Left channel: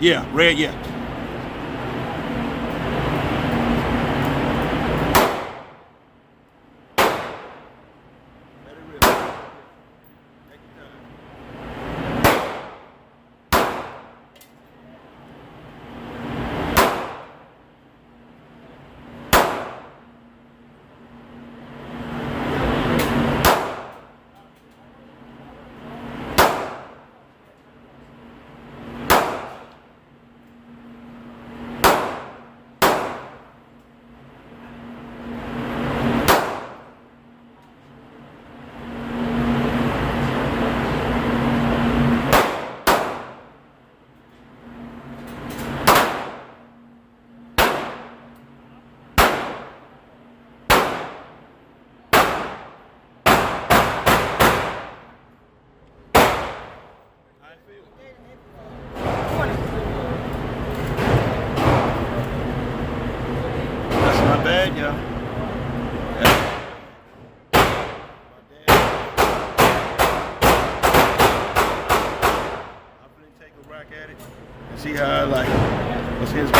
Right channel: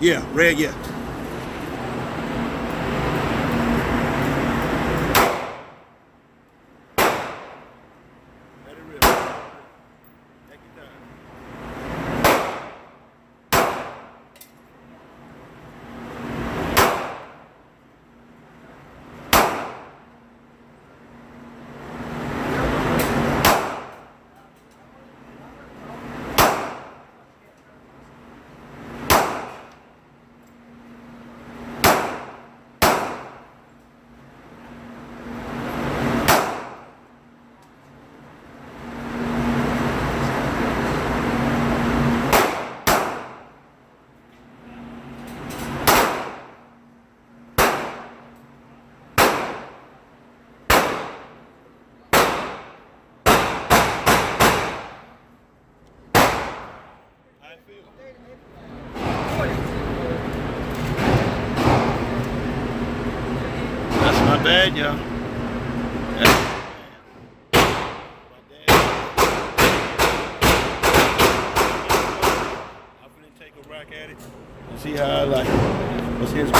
Yeah, red, yeah. Let it rip. Take your time. How it feel? That's not bad, y'all. That's not bad. I'm gonna take a rack at it and see how I like it. What's his?